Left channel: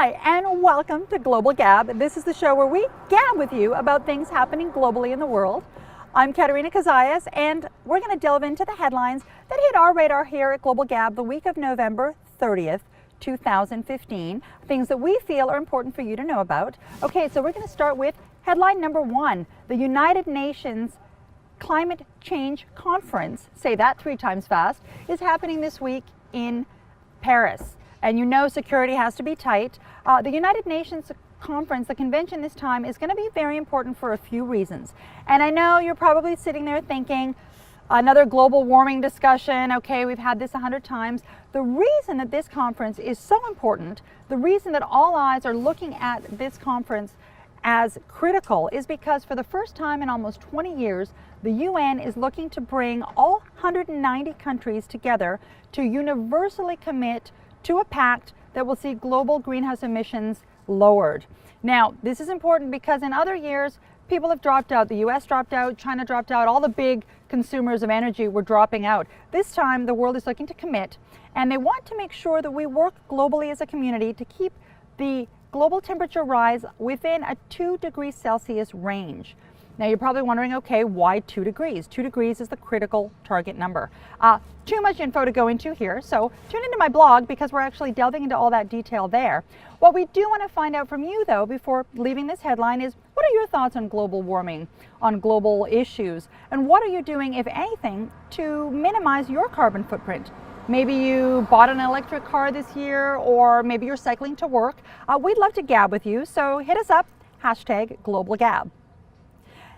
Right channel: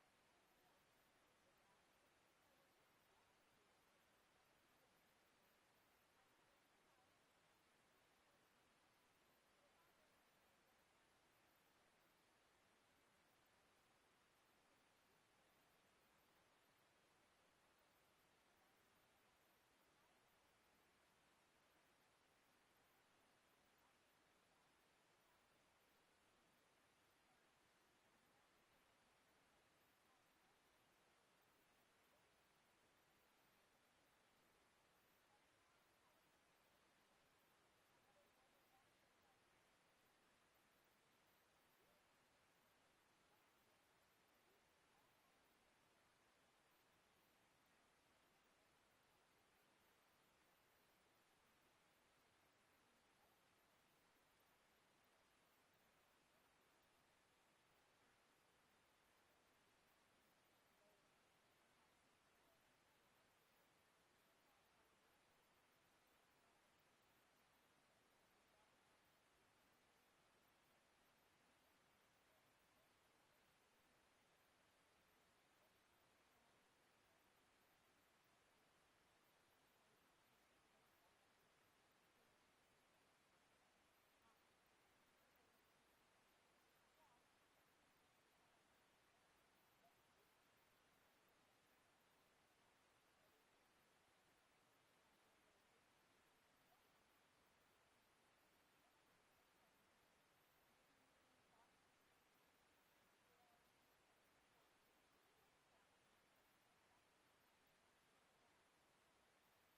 Hi, and welcome to Global Gab. This is the show where we gab with you about things happening globally in the world. I'm Katerina Kazayas, and we're going to delve into the headlines that hit our radar here at Global Gab the week of November 30th, 2015, things that we feel are important for you to know about. Okay, so we're going to start with headline number one. The United Nations Climate Change Conference, say that 3 times fast, is happening this week in Paris. And you know security has to be tight. The United Nations Conference, the convention this time, is going to be very important for a few reasons. And I know you're probably sitting there thinking, another global warming discussion, okay, we've had this 100 times. The reason that this conference is so important, the reason that all eyes are looking at this conference as critical, is because for the first time in almost 20 years, the UN is looking to bring all 190 countries together to universally commit to a pact that will see global greenhouse emissions lowered. Now, this is important because in other years, people have dropped out. The US dropped out, China dropped out, all the big consumers of energy were dropping out. This time, the world is looking to commit, and they want to make sure that we work globally as a community to keep the global temperature rise within a 2 degrees Celsius range. Now you're probably wondering, okay, why 2 degrees? 2 degrees is the critical target number. Too much info to go into here, so tune into my blog because we're actually delving into all that detail there. What we do want to find out from you, though, before leaving this headline is, what are your thoughts on global warming, on global issues, and what are you doing, if anything, to minimize your carbon footprint? Maybe you bought an electric car this year, or maybe you're cycling to work. We'd love to gab with you, so hit us up, #GlobalGab.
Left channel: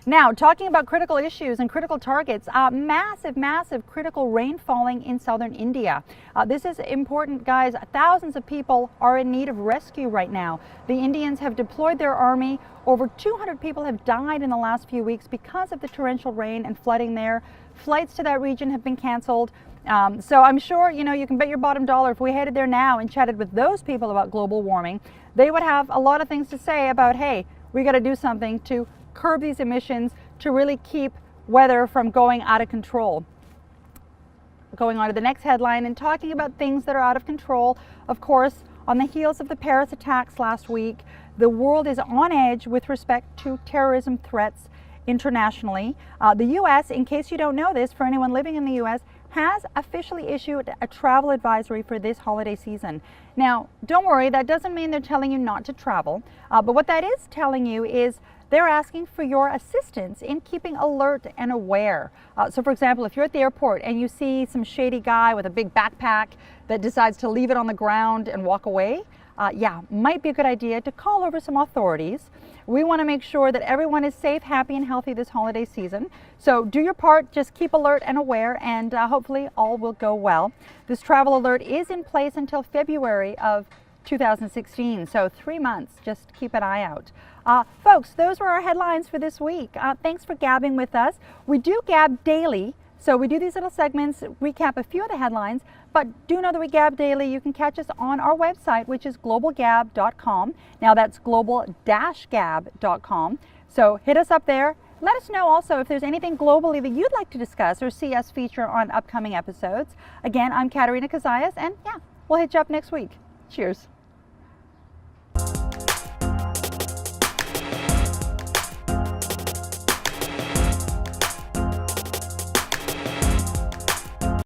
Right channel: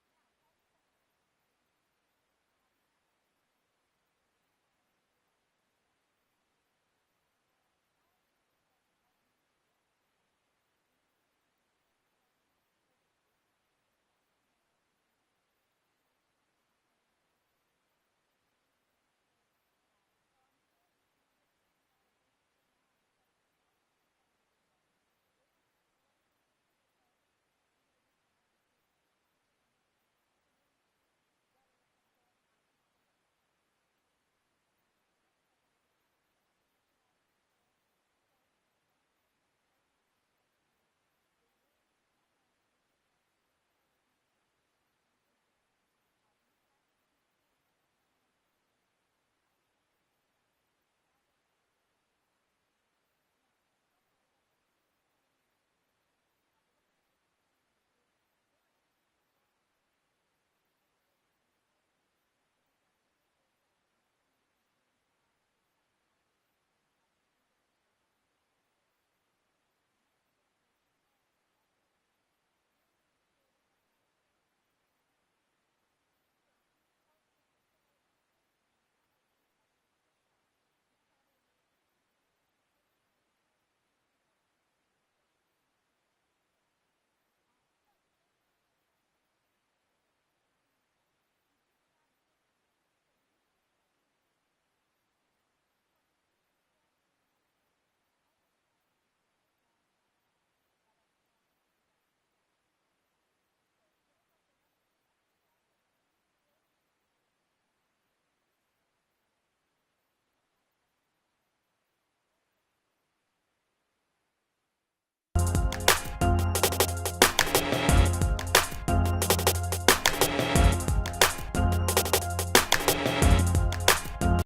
Now, talking about critical issues and critical targets, massive critical rain falling in southern India. This is important, guys. Thousands of people are in need of rescue right now. The Indians have deployed their army. Over 200 people have died in the last few weeks because of the torrential rain and flooding there. Flights to that region have been canceled. So I'm sure, you can bet your bottom dollar if we headed there now and chatted with those people about global warming, they would have a lot of things to say about, hey, we got to do something to curb these emissions to really keep weather from going out of control. Going on to the next headline and talking about things that are out of control. Of course, on the heels of the Paris attacks last week, the world is on edge with respect to terrorism threats internationally. The U.S., in case you don't know this, for anyone living in the U.S., has officially issued a travel advisory for this holiday season. Now, don't worry, that doesn't mean they're telling you not to travel, but what that is telling you is they're asking for your assistance in keeping alert and aware. So for example, if you're at the airport and you see some shady guy with a big backpack that decides to leave it on the ground and walk away, might be a good idea to call over some authorities. We want to make sure that everyone is safe, happy, and healthy this holiday season. So do your part, just keep alert and aware, and hopefully all will go well. This travel alert is in place until February of 2016, so 3 months. Just keep an eye out. Folks, those were our headlines for this week. Thanks for gabbing with us. We do gab daily, so we do these little segments, recap a few of the headlines, but do know that we gab daily. You can catch us on our website, which is globalgab.com. Now that's global-gab.com. So hit us up there. Let us know also if there's anything globally that you'd like to discuss or see us feature on upcoming episodes. Again, I'm Katerina Kazayas, and we'll hit you up next week. Cheers.